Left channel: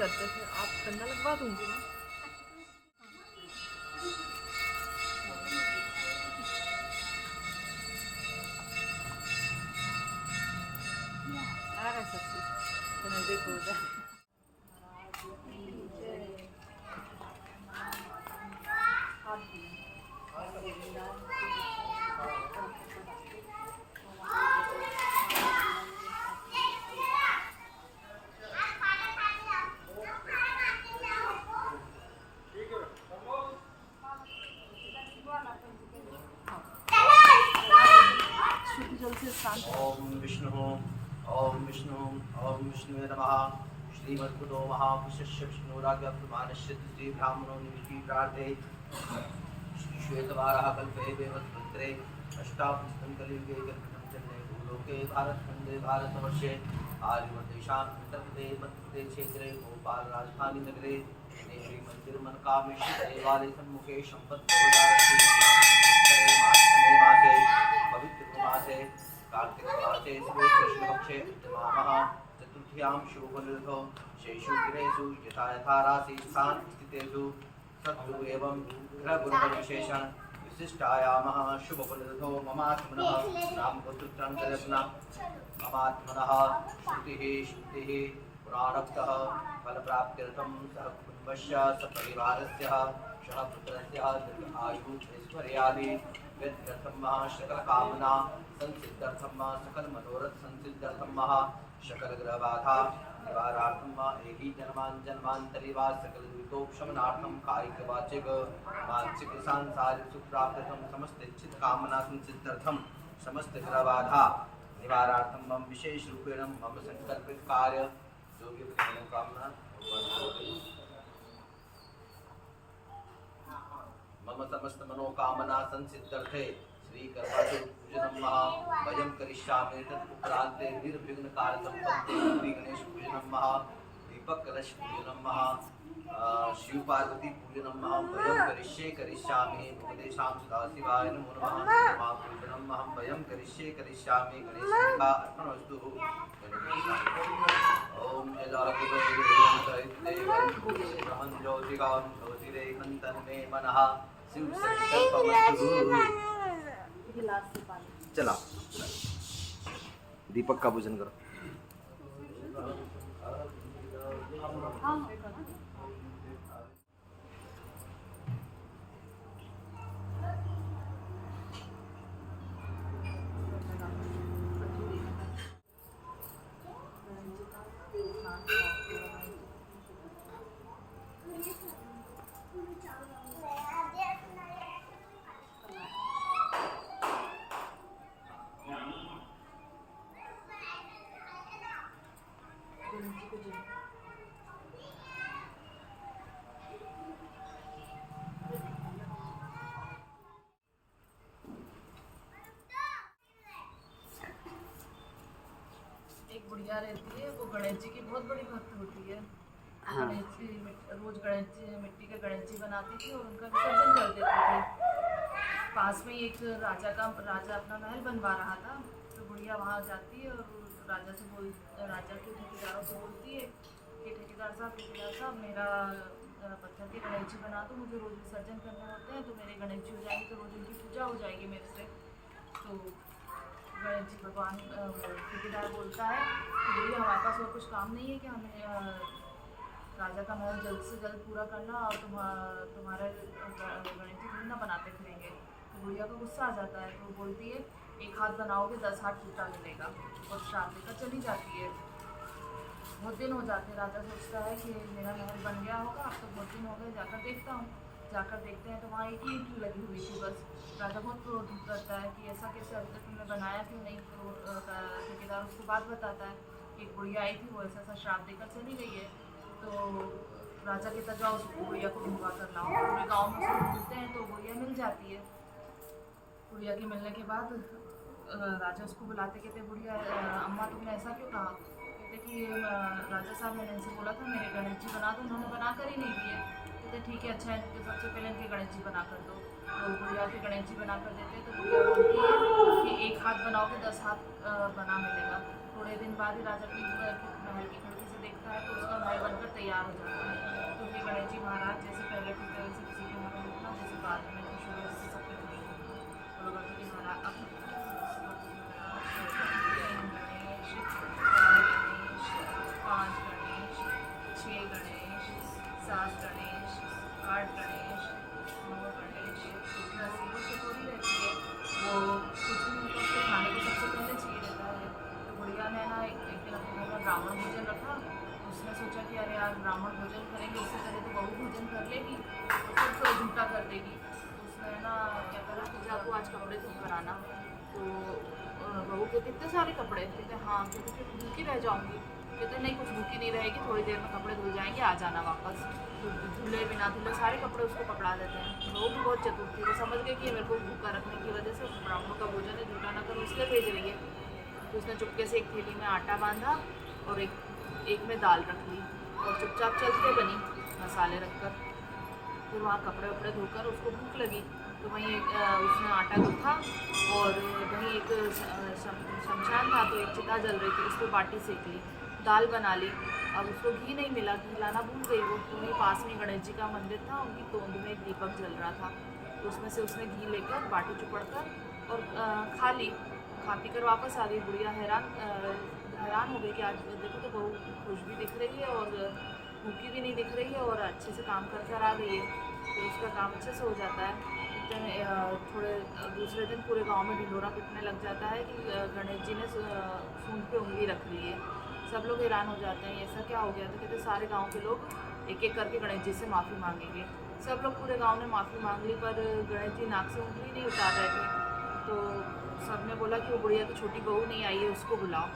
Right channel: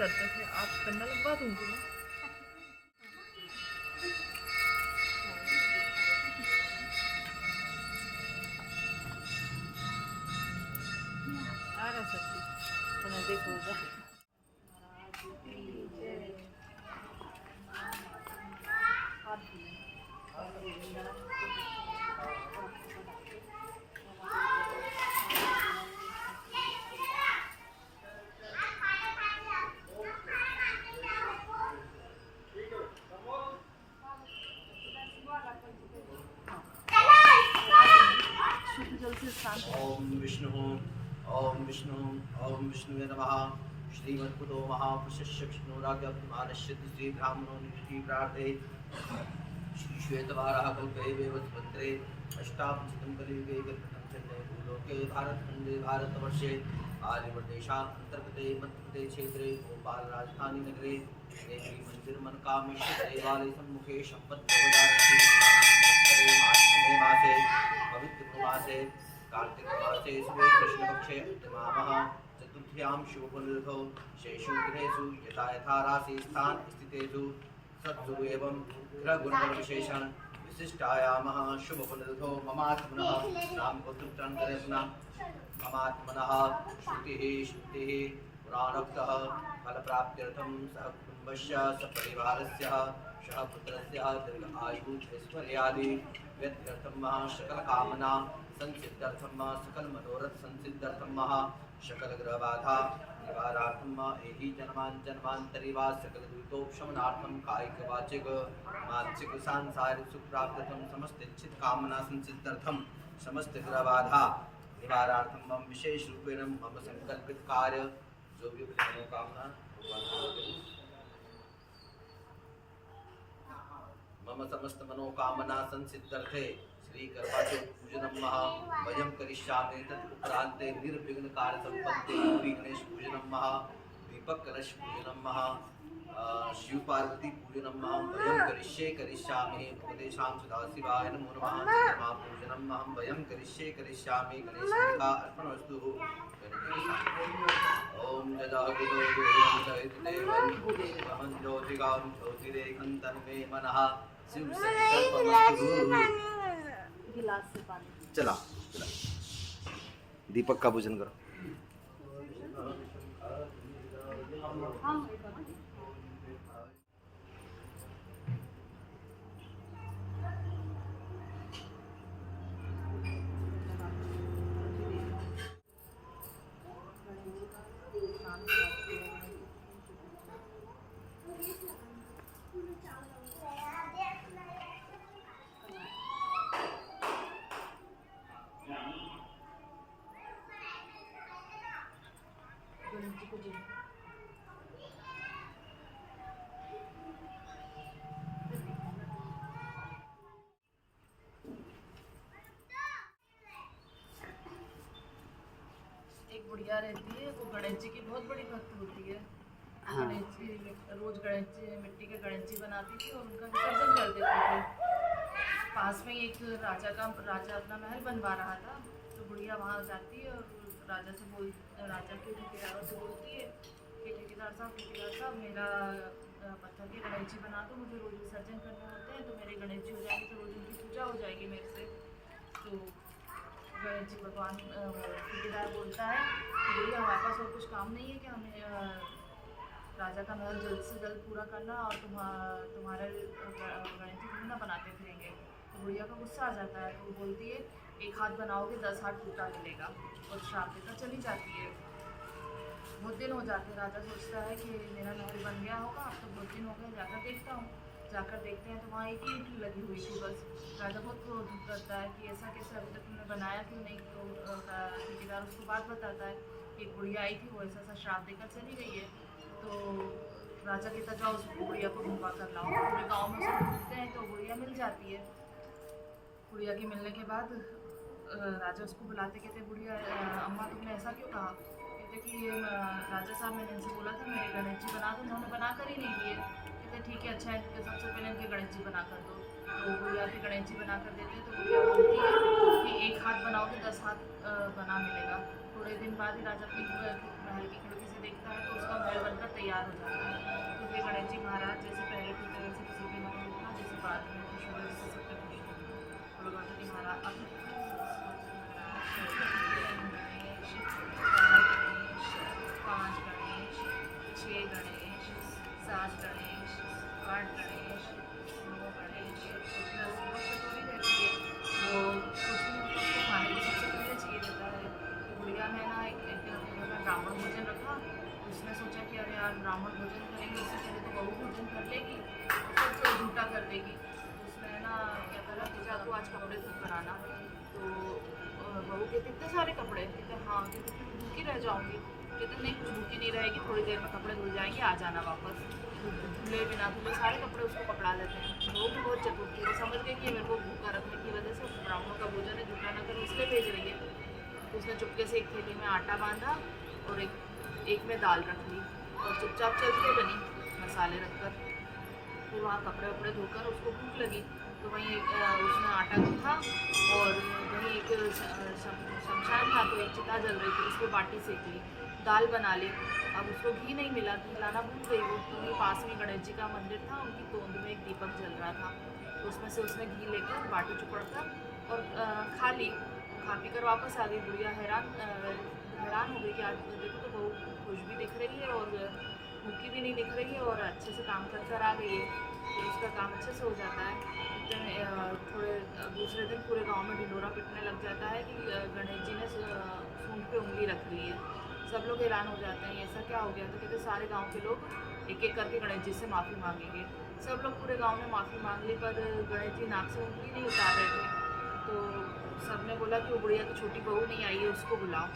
करते थे। आप कंडा लगवा दूंगी मैं। आ रहा सब तो नजदीक हो जाए। महाराज की जय। हाथ शुद्ध जल से स्नान करें। ओम विष्णु विष्णुवे नमः। श्रीमद्गुरो महापुरुषस्य विष्णुराज्ञ प्रमाणस्य द्वितीय ब्राह्मणो निमित्ति प्रार्थे श्वेतवाराः कल्पे वेवद्भद्रे अष्टादशतं कलियुगे कल्पितं जन्मे भूलोके भारतखण्डे भारतवर्षे आर्यवर्तेषाम् अन्तर्गते मध्यप्रदेशे क्षेत्रे भोपाल राजधानी नगरे देवी मंदिर मनकामेश्वर देवालय सम्मुखे संपत्ति मासे पवित्र मासे कार्तिक मासे शुभे कृष्ण पक्षे उत्तमामः चतुर्थ्यां शुभफलऋतौ शेषु गृहेषु यथा यथा राशि स्थान स्थितेषु सत्सु एवं ग्रहगुणविशेषण विशिष्टायामः शुभफलऋतौ ममात्मनः रामपुत्रत्रान्तरत्ना ममात्मनः श्रुतिः पुराणोक्तः फलप्राप्त्यर्थं सह कुटुम्बस्य सपरिवारस्य सह पुत्रस्य दीर्घायुः ऐश्वर्यादि व्यर्थम सकल कामना संसिद्धर्थम सकल मनोरथ संसिद्धर्थम सकल ग्रह बाधा निवारार्थम एहि जन्मांतरी वा सकल दुरितोपशमनार्थम कायिक वाचिक मानसिक सांसारिक सुख प्राप्त्यर्थम समस्त इच्छित कामना संसिद्धर्थम समस्त ग्रह बाधा निवारार्थम मम विशेष रूपेण मम संकल्पित कार्य जो भी मनोकामना मम समस्त मनोकामना संसिद्धर्थे श्री करवाचौथ पूजनम महा वयं करिष्यामि तत्पुत्रान्ते निर्विघ्न कार्य संपत्ति श्री गणेश पूजनम महा दीपक कलश पूजनम महा शिव पार्वती पूजनम महा वयं करिष्यामि उपदेशां सदाशिवाय नमो नमः मा पूजनम महं वयं करिष्यामि गणेशाय अर्पणमस्तु ओम जजागुरो देवं ज्योतिगां ज्योतिरेकं तन्मे मनः गिलास से पानी। चला दीपक का पूजन करो। हाँ एक बुढ़िया रहती है, वो गणेश जी की बहुत बड़ी भक्त होती है। हाँ। गणेश जी रोज गणेश जी मिट्टी के गणेश जी बनाती थी और उनका विसर्जन कर देती थी। पास में एक राजा अपना महल बनवा रहा था, तो बुढ़िया वहाँ जाती है और राजा के ठेकेदारों से बोलती है कि ठेकेदार साहब मेरा पत्थर के गणेश जी बना दो, मुझे रोज विसर्जन करने होते हैं, तो मेरे गणेश जी हो जाएंगे तो रोज उनकी पूजा हो जाएगी मेरे से। तो गणेश जी भगवान ठेकेदार बोलता है कि बोलिए हमारे पास और कुछ काम नहीं है कि हमें राजा का महल जल्द से जल्द पूरा करना और तुम्हारे गणेश जी थोड़ी ना बनाते फिरेंगे। तो बुढ़िया का गुस्सा आ जाता है, तो वो बोलती है 1 हाथ बनाओगे 10 हाथ टूटा मिलेगा, और श्राप देकर चली जाती है। बहुत दिन हो जाते हैं, राजा सोचता है कि मेरा महल बन गया होगा, अब तो बहुत दिन हो गए, जाकर देखता हूँ। जाकर देखते हैं तो वहाँ एक ईंट लगी हुई थी बस। राजा बहुत क्रोध करता है कि ऐसा कैसे अभी तक तुमने बनाया क्यों नहीं। तो ठेकेदार उसको बात बताता है कि एक बुढ़िया आई थी, वो ऐसा श्राप देकर चली गई है। तो राजा कहता जाओ उसको बुढ़िया को ढूंढवा कर लाओ। पूरे गाँव में उसको ढूंढते हैं तो बुढ़िया मिल जाती है। बुढ़िया के मिलने के बाद राजा उसको बुलाते, कहते बुढ़िया अम्मा तुमने ऐसा क्यों कहा। कहते कि राजा साहब मैंने इनसे बोला था मेरे गणेश जी बना दो, उन्होंने बना कर ही नहीं दिए। कहते ठीक है अच्छा है, इनके सबसे पहले इनके गणेश जी बना कर दो। तो बुढ़िया के गणेश जी बना कर देते, तो बुढ़िया बोलती है कि 1 हाथ बनाओगे 10 हाथ बना मिलेगा। थोड़े दिन बाद ही राजा अपनी महल की खिड़की से देखता है तो उसका महल बनकर तैयार हो जाता है। तो फिर गणेश जी महाराज जैसे पहले थे वैसे किसी पे मत रुकना, जैसे बाद में खुश हुए जैसे सब पे खुश होना। बोलो गणपति महाराज अब गणेश, 4 गणेश, 5 गणेश, 6 गणेश, 7 गणेश, 8 गणेश, 9 गणेश, 10 वो चटोरी रहती है, वो कुछ नहीं होता, उसको खाने को सबसे पहले चाहिए रहता है। तो गुड़िया ने ना एक दिन अपने घर में ब्राह्मण भोजन रखा, तो उसने सोचा कि अरे यार ब्राह्मण भोजन करेंगे उससे पहले तो बहू भोजन कर लेगी और फिर तो झूठा कर देगी। तो उसने ना क्या करा कि जा तू आज कपड़े धो कर आना। तो बहू कहती इतने सारे कपड़े, कहते हाँ, कहते फिर भूखी रह जाऊँगी, कहते नहीं कुछ भूखी नहीं रहेगी, थोड़ी देर में कपड़े धुल जाएंगे, आ जाना वापस। धुले बिना धुले सारे कपड़े उसको पकड़ा देते हैं। बहू भी बहुत चतुर थी, वो समझ गई कि ये मेरे को भूखा रखने की वजह से ब्राह्मणों का भोजन है, झूठा ना करो इसलिए भेज रही है। तो उसने चुपके से एक थैली में आटा बांधा और एक में दाल रख ली और चुपचाप चलते बनी मसाले रखकर। फिर वहाँ कपड़े वपड़े धोकर उसको भूख लगी तो वहीं उसने आटा गूँथा और वहीं एक शमशान था तो एक चिता जल रही थी, उस पर बाटी सेक ली, दाल बना ली। अब उसको घी नहीं मिला, घी लाना भूल गई वो, तो वहीं पास में गणेश जी का मंदिर था, उनकी तोंद में एक दीपक जल रहा था, तो उसमें से उसने घी लेकर बाटी चुपड़कर और खा ली। खा पी कर वापस आ गई। गुड़िया हैरान हो गई कि आज देखो तो बहू खुश भी दिख रही है और भूखी भी नहीं दिख रही है और अच्छे से काम कर कर आ गई है, तो उसका काम अच्छे से हो जाता है। इतने में थोड़े दूसरे दिन पूरे गांव में ढिंडोरा पिटने लग जाता है कि गणेश जी ने सूंड पे उंगली रख ली है। सब लोग हैरान हो जाते हैं ऐसा क्या हो गया, तो कहते सारे गांव के लोग एक एक करके गणेश जी से माफ़ी मांगेंगे। सब लोग पूरे गांव ने माफ़ी मांग ली पर गणेश जी नाक से उंगली नहीं उतार रहे थे। तो सब ने बोला कि वो बुढ़िया की छोटी बहू नहीं आई है, उसको बुलाओ।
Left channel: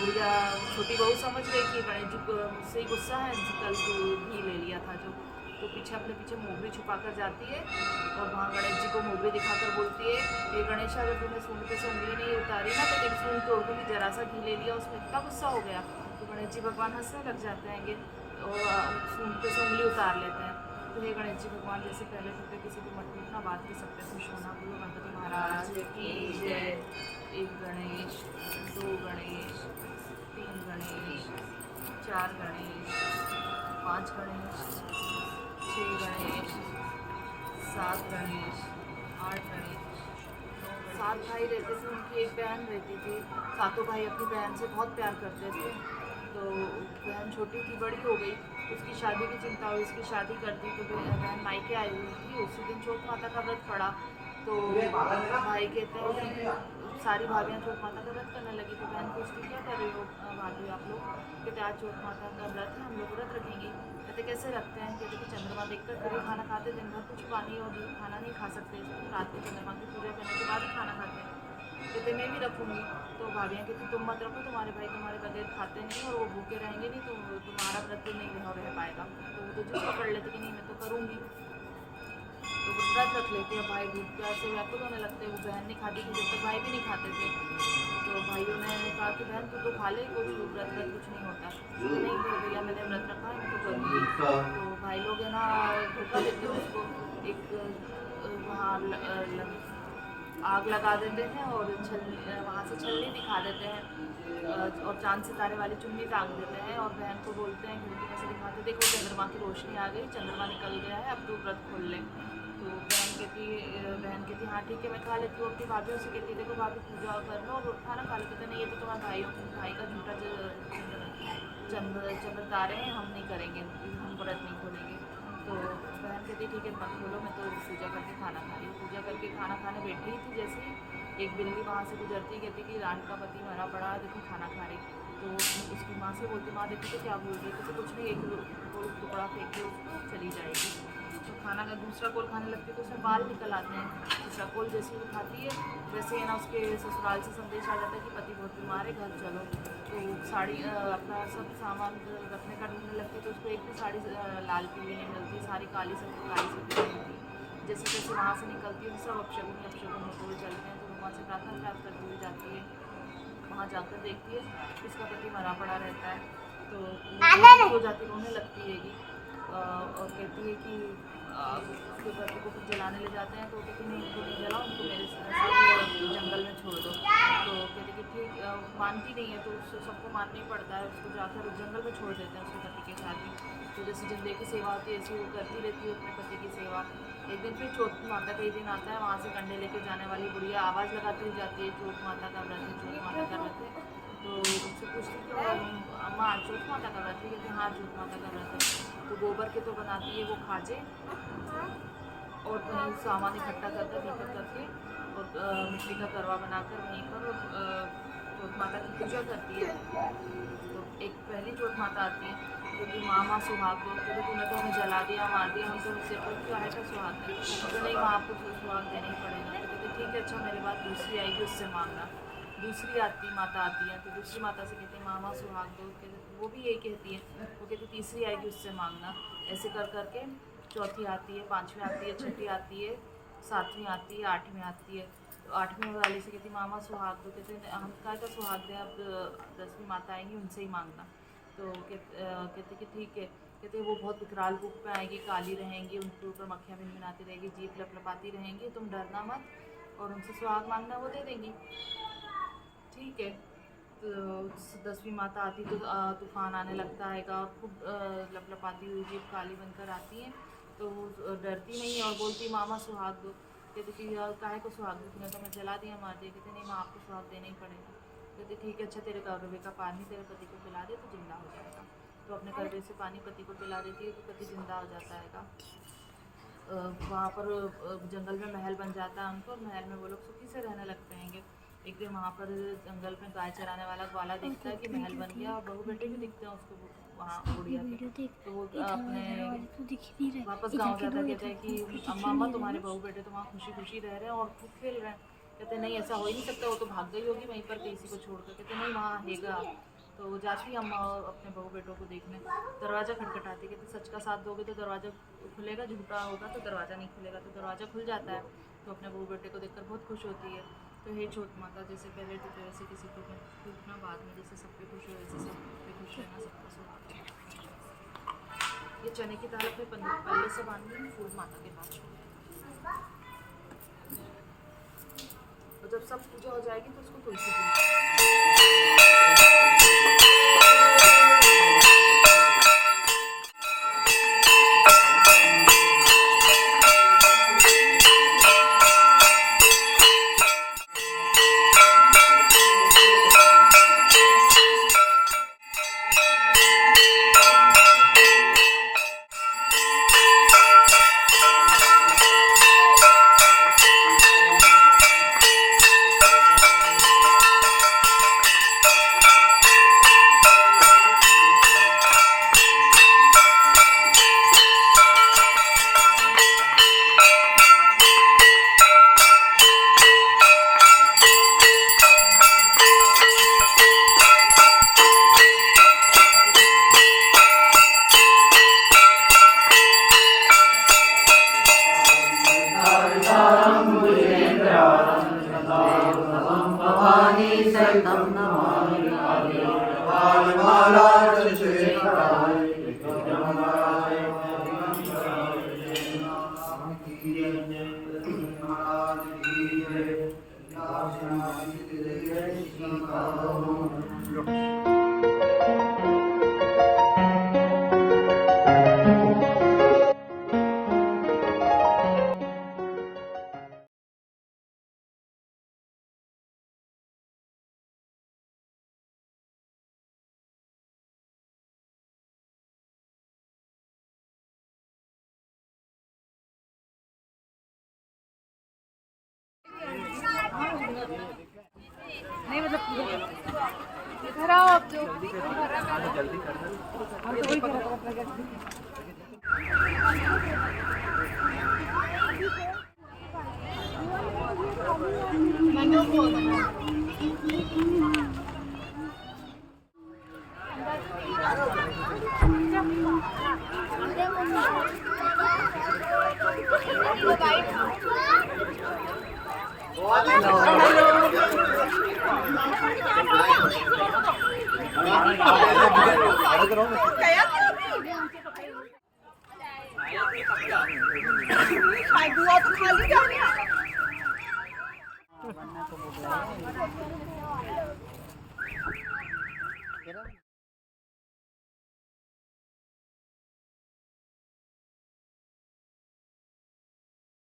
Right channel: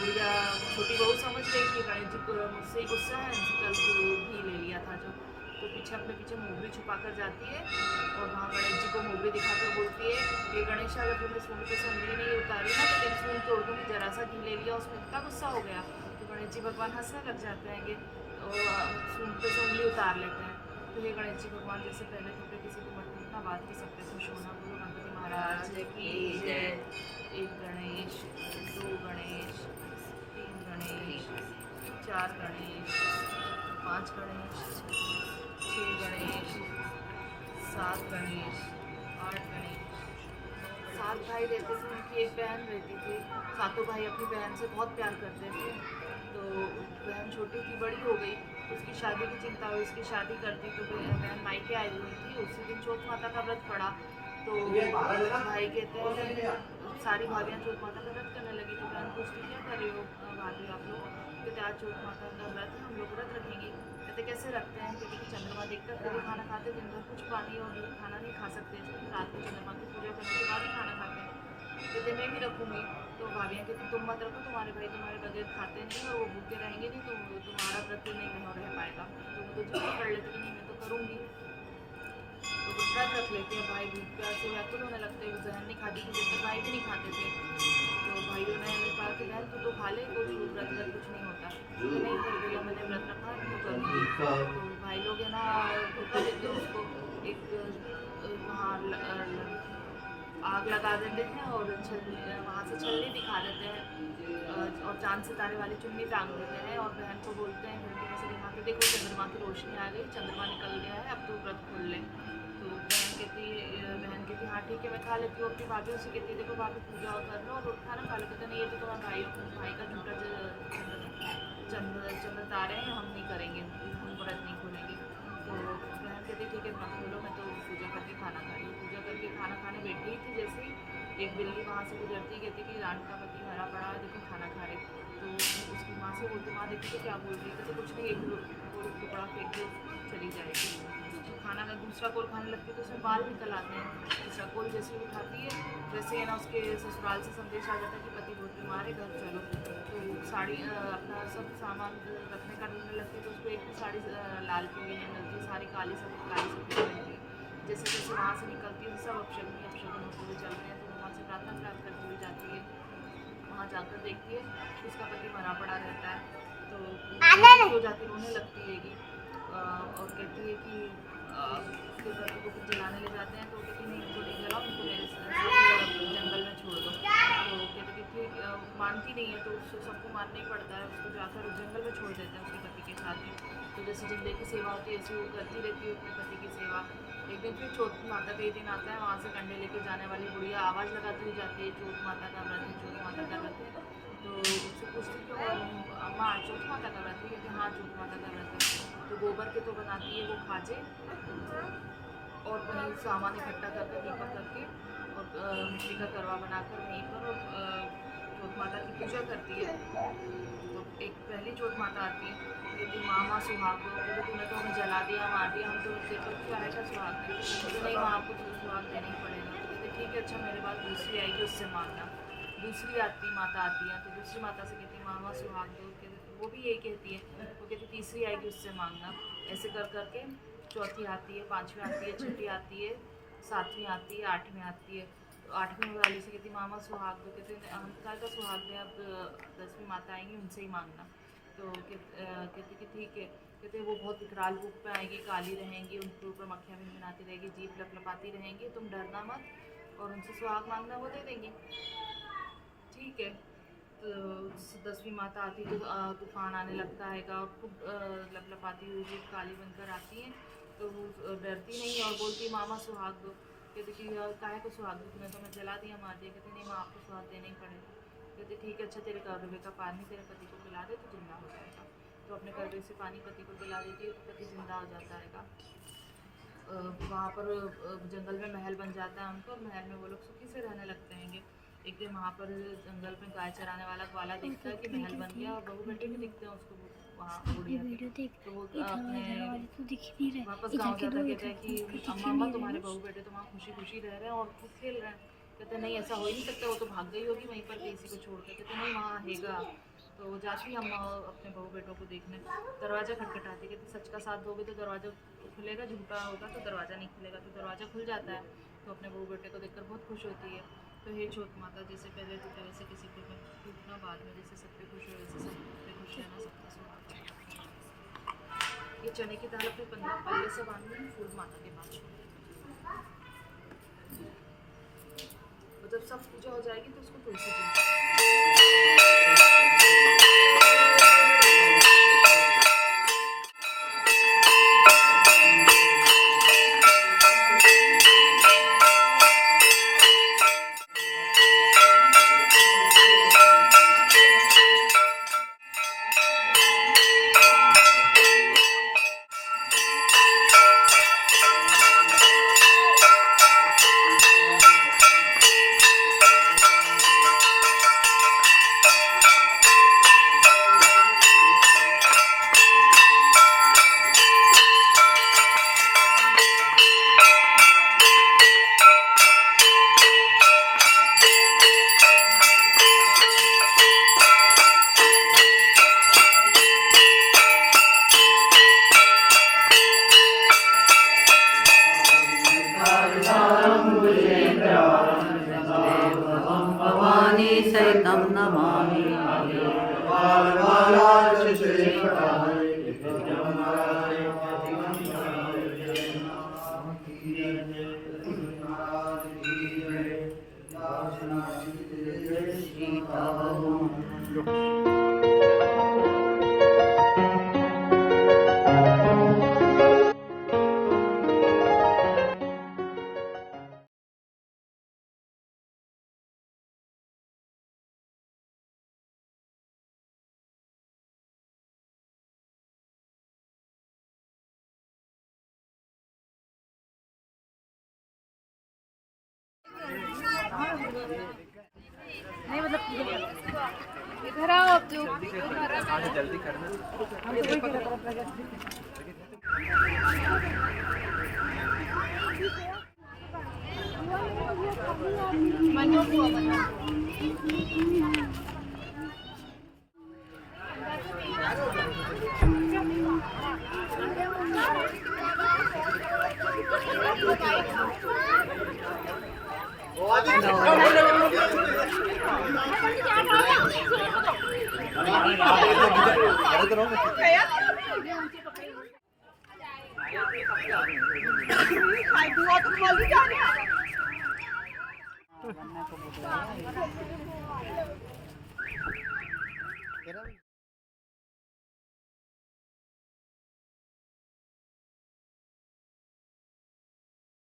बुढ़िया छोटी बहू समझ गई कि गणेश जी मुझसे ही गुस्सा है, कल तो घी ले लिया था जो, तो पीछे अपने पीछे मोगरी छुपा कर जाती है और वहाँ गणेश जी को मोगरी दिखाकर बोलती है ये गणेश अगर तूने सूंड पे से उंगली नहीं उतारी ना तो तेरी सूंड तोड़ दूँगी, जरा सा घी ले लिया उसमें इतना गुस्सा हो गया। तो गणेश जी भगवान हंसने लग जाते हैं कि सूंड पे से उंगली उतार लेते हैं। तो ये गणेश जी भगवान जैसे पहले टूटे किसी को मत टूटना, बात के सब पे खुश होना। बोलो गणपति महाराज की जय। 1 गणेश, 2 गणेश, 3 गणेश, 4 गणेश, 5 गणेश, 6 गणेश, 7 गणेश, 8 गणेश, 7 भाई रहते थे, उनकी एक बहन रहती थी। सातों भाई अपनी बहन से बहुत प्यार करते थे। तो बहन छोटी थी, बड़ी हो गई, उसकी शादी की चिंता हुई, उसकी शादी कर दी। तो बहन मायके आई हुई थी, उसी दिन चौथ माता का व्रत पड़ा। तो भाई कहते हैं सारी भाभियाँ चौथ माता का व्रत करने लगी। तो बहन पूछती क्या कर रही हो भाभी आप लोग? कहते आज चौथ माता का व्रत है, हम लोग व्रत रखेंगे। कहते कैसे रखते हैं? कहते कि चंद्रमा देखकर फिर ही खाना खाते, दिन भर कुछ पानी और खाना नहीं खा सकते, रात को चंद्रमा की पूजा करने के बाद ही खाना खाते हैं। कहते मैं भी रखूँगी। तो भाभियाँ कहती तुम मत रखो, तुम्हारे भाई तुम्हारे बगैर खाते नहीं और वो भूखे रहेंगे नहीं तो तुम्हारा व्रत नहीं रह पाएगा। तो वो तो जिद पकड़ लेते कि नहीं मैं तो करूँगी, तो वो व्रत रख लेते हैं। भाई भूख प्यास से व्याकुल होने लगते हैं। वो बहन नहीं खाती थी जब तक भाई भी नहीं खाते थे। तो भाइयों ने कहा कि बहन तू तो खा ले, कुछ व्रत कुछ नहीं होता। तो नहीं भैया मैंने व्रत रखा है, मैं तो करूँगी। तो भाई लोग है ना धोखा देते हैं उसको, एक वहाँ आग लगा देते हैं और वहाँ से छलनी दिखा देते हैं और चांद सितारे वाली चुन्नी टांग देते हैं और बहन को बोलते हैं खिड़की में से दिखाते देखो चंद्रमा की रोशनी आ गई, चंद्रमा निकल गया है, अब तू व्रत खोल ले। तो बहन कहती हाँ ठीक है मैं खा लेती हूँ। अपनी भाभियों से कहती देखो भाभी पूजा कर लो और खाना खा लो। कहते नहीं ये तो तुम्हारे भाई का झूठा चंद्र तारे हैं, हम नहीं करेंगे, हम व्रत नहीं खोलेंगे। तो बहन कहती ठीक है मत खोलो, मैं तो पूजा करके खाना खा रही हूँ। पूजा करके खाना खाने बैठी ही थी, जैसे ही एक बिल्ली वहाँ से गुजरती कहती कि रान का पति मरा पड़ा है, देखो खाना खा रही। तो उसकी माँ से बोलती माँ देखो तो क्या बोल रही है? कहते कुछ नहीं, एक टुकड़ा फेंक के उसको चली जाएगी। तो खाना का दूसरा कोल खाने लगती है तो उसमें बाल निकल आते हैं। दूसरा कोल जैसे ही उठाती है वैसे है ना उसके ससुराल से संदेश आ जाता है कि पति बहुत बीमार है, घर चलो। तो साड़ी अपना सब सामान रखने का ढूंढने लगती है तो उसको एक भी साड़ी लाल पीली नहीं मिलती, सारी काली सफ़ेद मिलती है। जैसे जैसे वहाँ से निकलती है सब अपशगुन होते हुए चलते हैं। तो वहाँ से प्रार्थना करती हुई जाती है, वहाँ जाकर देखती है उसका पति मरा पड़ा रहता है। तो हो जाती रोने लगती है और कहती है कि उसके पति को फिर जलाने ले जाते हैं। तो कहती नहीं उनको नहीं जलाओ, उनको मेरे साथ जंगल में छोड़ दो। तो कहते कि ठीक, माँ मानती नहीं है तो उसको सबको मानना ही पड़ता है, उसको जाकर उस जंगल में छोड़ देते हैं उसके पति के साथ ही। तो जैसे जिंदे की सेवा होती है ऐसी वो करती रहती है अपने पति की सेवा। एक दिन फिर चौथ माता का ही दिन आता है, वहाँ से कंडे लेके जाने वाली बुढ़िया आवाज़ लगाती हुई जाती है, चौथ माता का व्रत है, चौथ माता का व्रत है। तो उससे पूछती क्यों अम्मा चौथ माता का व्रत है? कहते हाँ चौथ माता का व्रत है। तो गोबर के तो बनाती है वो खाजे और वहीं सामान इकट्ठा करके दीपक करके और मिट्टी का करवा बनाकर वहीं पर और चौथ माता की पूजा करती है। तो एक पहली चौथ माता आती है, कहती माँ सुहाग दो। कहते तूने तो हमें जला दिया मार दिया, हम तो सिर पर क्या है का सुहाग नहीं। तो नहीं माँ आपको तो सुहाग देना ही पड़ेगा। तो कहते ठीक है अच्छा मेरे बाद दूसरी आएगी उससे मांगना। दूसरी माता आती है तो दूसरी माता से कहती माँ सुहाग दो। कहते वो भी यही कहती है, वो कहती तीसरी आएगी उससे मांगना। ऐसे कर करके चौथी आती है, पाँचवीं आती है, छठी आती है, सातवीं आती है, आठवीं आती है। तो आठवीं वाली से कहती मामा सुहाग दो। कहते हम क्या का सुहाग दें, अब 10वीं माता आएंगी उनसे ही मांगना। तो कहते कि ठीक है। कहते वो बहुत विकराल रूप में आएगी, काली रहेंगी, उनके ऊपर मक्खियाँ भिनभिनाती रहेगी, जीभ लपलपाती रहेंगी, तुम डरना मत और उनसे सुहाग मांगना वो दे देंगी। ठीक है। तो 10वीं माता आती तो तूफान आने लगता है और खूब लपलपाती हुई जीभ काली बनकर आती हैं। तो वो डरती नहीं है और बोलती मामा सुहाग दो। कहते कि काहे को सुहाग दो, तुम्हें तो मैं जला दिया मार दिया। कहते नहीं माँ आपको सुहाग देना ही पड़ेगा। कहते ठीक है अच्छा तेरे करवे का पानी तेरे पति को पिला दे तो जिंदा हो जाएगा। तो अपने करवे से पानी पति को पिला देती है तो पति जिंदा हो जाता है। वहाँ पर जंगल में महल बन जाता है उनको और महल में वो लोग सुखी से रहने लगते हैं। एक दिन वहाँ पर जंगल में गाय चराने वाला ग्वाला दिखता है कि महल बन गया और बहू बेटे भी दिखते हैं उसको वहाँ बुढ़िया के। तो वो अपने वापस गाँव जाता कहते हैं कि अम्मा तुम्हारे बहू बेटे तो वहाँ खुशी खुशी रह रहे हैं और खूब खेल रहे हैं। कहते नहीं ऐसा हो ही नहीं सकता, वो तो भाग गई होगी वहीं पर किसी को छोड़कर। कहते नहीं वहाँ हैगा। तो वो जाती अम्मा अपने बहू बेटों को देखने, दरवाज़ा खटखटाती। कहते सच का साथ दोगे तो दरवाज़ा खुलेगा, झूठा होगा तो दरवाज़ा नहीं खुलेगा। तो दरवाज़ा खुल जाता है तो अपने बहू बेटे को देखकर बहुत खुश होती है। तो हे चौथ माता जैसे पहले टूटे वैसे किसी को टूटना बाद में, जैसे सब पे खुश हो वैसे सब पे खुश रहना, सबका सुहाग। ये चने की दाल अपने पल्ले से बांधनी, फूल माता के पास छोड़ देना। और जब सब पूजा हो जाएगी तो उसको तुलसी जी नहीं मतलब इधर आओ जो जल्दी करना। मनो को हेलो।